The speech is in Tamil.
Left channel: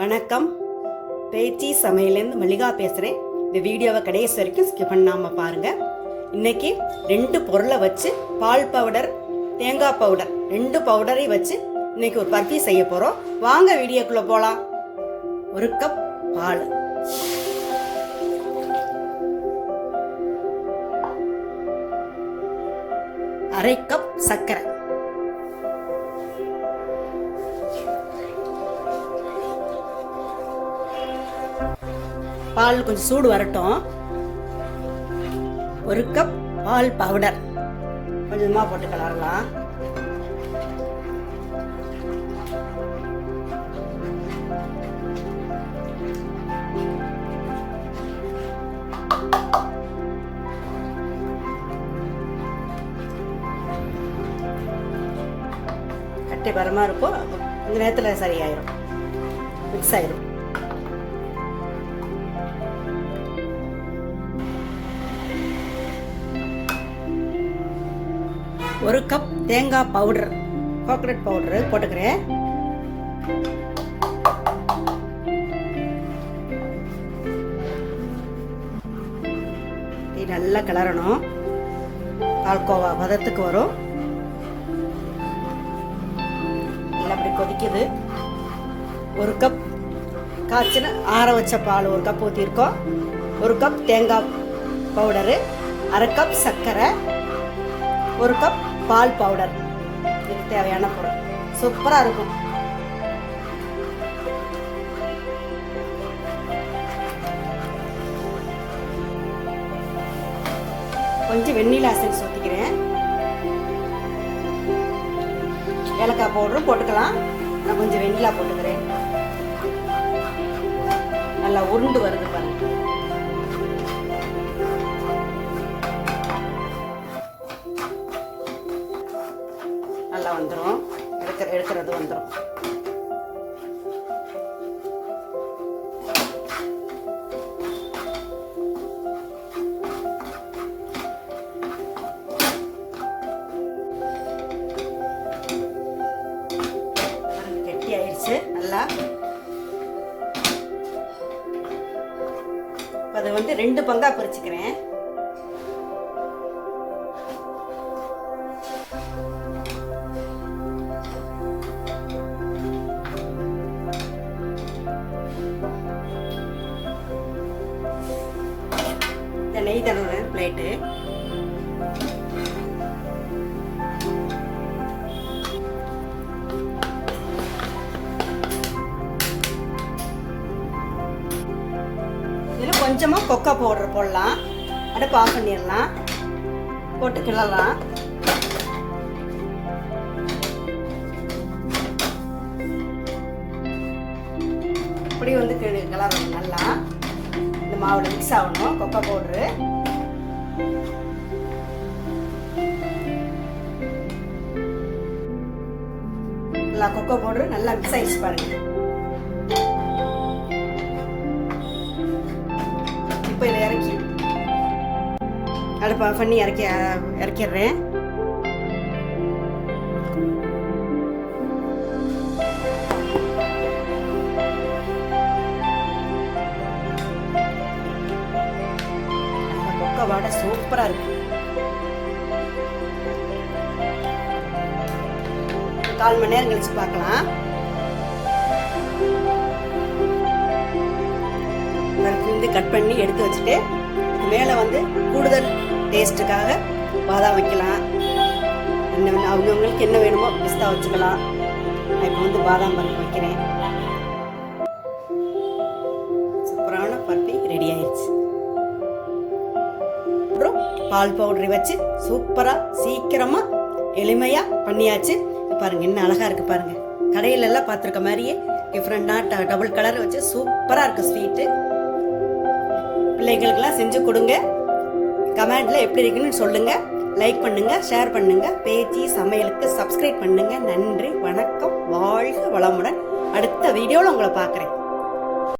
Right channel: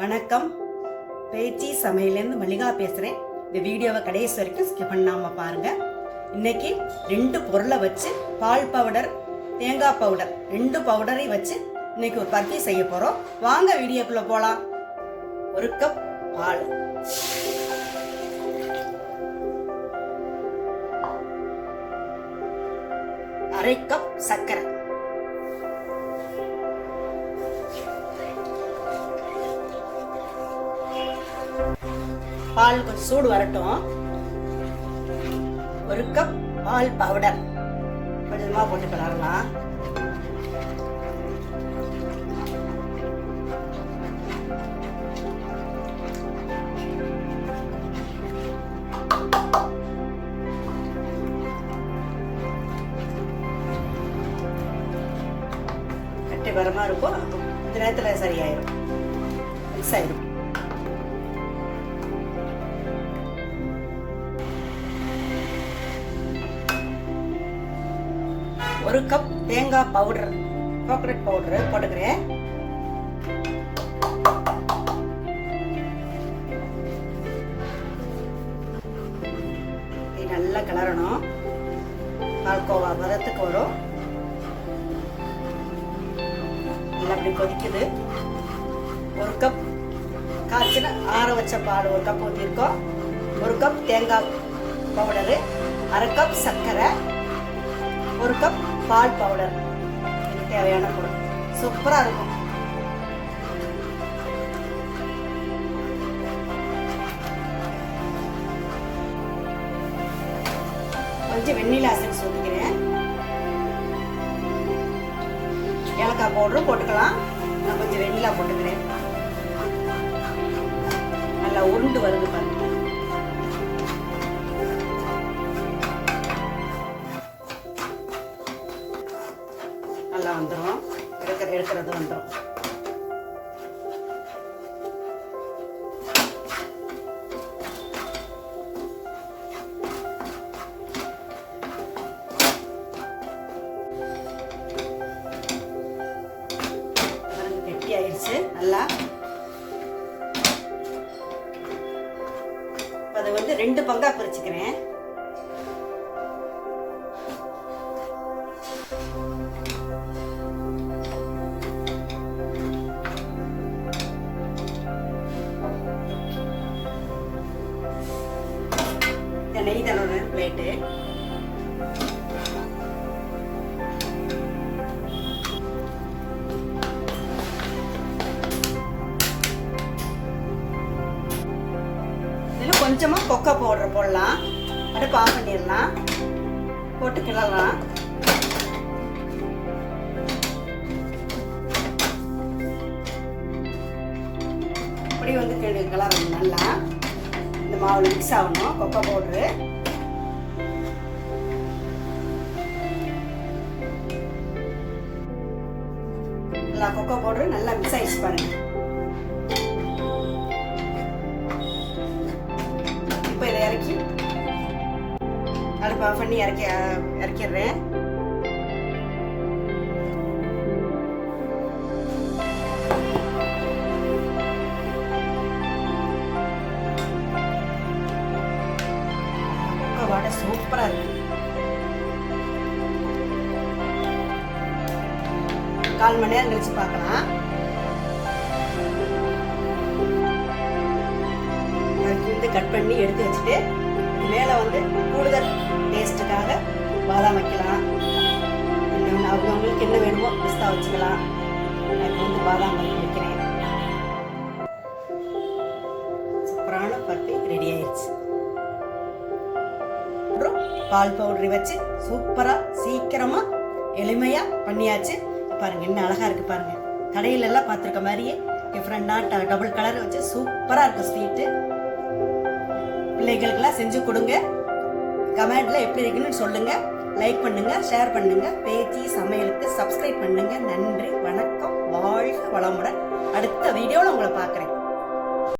வணக்கம். பேச்சி சமையலேருந்து மல்லிகா பேசுகிறேன். இந்த வீடியோவை கடைசி வரைக்கும் ஸ்கிப் பண்ணாமல் பாருங்கள். இன்றைக்கி 2 பொருளை வச்சு பால் பவுடர், தேங்காய் பவுடர் 2 பவுடரை வச்சு இன்றைக்கி ஒரு பர்ஃபி செய்ய போகிறோம். வாங்க வீடியோக்குள்ளே போகலாம். 1 கப் பால், 1/2 கப் சர்க்கரை, பால் கொஞ்சம் சூடு வரட்டும். 1 கப் பால் பவுடர் கொஞ்சமா போட்டுக்கலாம். கட்டை வரமா இருக்கும், கொஞ்ச நேரத்தில் சரியாயிரும், மிக்ஸ் ஆயிரும். ஒரு கப் தேங்காய் பவுடர், கோகனட் பவுடர் போட்டுக்கிறேன். நல்லா கிளறணும், பால்கோவா பதத்துக்கு வரும். அப்படி கொதிக்குது. 1 கப் காய்ச்சின ஆற வச்ச பால் 1 கப் ஊற்றிருக்கோம். 1 கப் தேங்காய் பவுடரு, 1/2 கப் சர்க்கரை, 1 கப் பால் பவுடர். இதுக்கு தேவையான பொருள். சூப்பராக இருக்கும். கொஞ்சம் வெண்ணிலா எசன்ஸ் ஊற்றிக்கிறேன். ஏலக்காய் பவுடரும் போட்டுக்கலாம். நான் கொஞ்சம் வெண்ணிலா போட்டுக்கிறேன். நல்லா உருண்டு வருது பாருங்க. நல்லா வந்துடும், எடுக்கிறது வந்துடும். ஆயிடுச்சு நல்லா. அதை 2 பங்கா பிரிச்சுக்கிறேன். நெய் தடவை பிளேட்டு. இதில் கொஞ்சமா கொக்கோ பவுடர் போடலாம். அடுப்பு ஆஃப் பண்ணிடலாம், போட்டு கிளறலாம். இப்படி கிளறணும் நல்லா. இந்த மாவுல மிக்ஸ் ஆகணும் கொக்கோ பவுடரு. நல்லா கொக்கோ பவுடர் நல்லா மிக்ஸ் ஆயிடுச்சு பாருங்க. இப்போ இதை இறக்கி அடுப்பு ஆஃப் பண்ணி இறக்கிடுறேன். கொக்கோ வாடை சூப்பரா இருக்கு. 1/4 மணி நேரம் கழிச்சு பார்க்கலாம். கட் பண்ணி எடுத்து வச்சுட்டு மேலே கூடுதல் டேஸ்ட்டுக்காக பாதாம் வைக்கலாம். அவங்களுக்கு என்ன வேணுமோ பிஸ்தா வச்சுக்கலாம். இப்போ பாதாம் பருப்பு வைக்கிறேன். சூப்பரான பருப்பி ரெடி ஆயிடுச்சு. அப்புறம் பால் பவுடரை வச்சு சூப்பராக சீக்கிரமாக எளிமையாக பண்ணியாச்சு. பாருங்க என்ன அழகா இருக்கு பாருங்க. கடையில எல்லாம் பார்த்துருக்க மாதிரியே டிஃப்ரெண்டாக டபுள் கலர் வச்சு சூப்பராக இருக்கு ஸ்வீட்டு. பிள்ளைகளுக்கெல்லாம் செஞ்சு கொடுங்க. கமெண்ட்ல எப்படி இருக்குன்னு சொல்லுங்க. லைக் பண்ணுங்க, ஷேர் பண்ணுங்க. பேச்சி சமையலுக்கு சப்ஸ்கிரைப் பண்ணுங்க. நன்றி, வணக்கம், வாழ்க வளமுடன். அடுத்த வீடியோவில் உங்களை பார்க்குறேன்.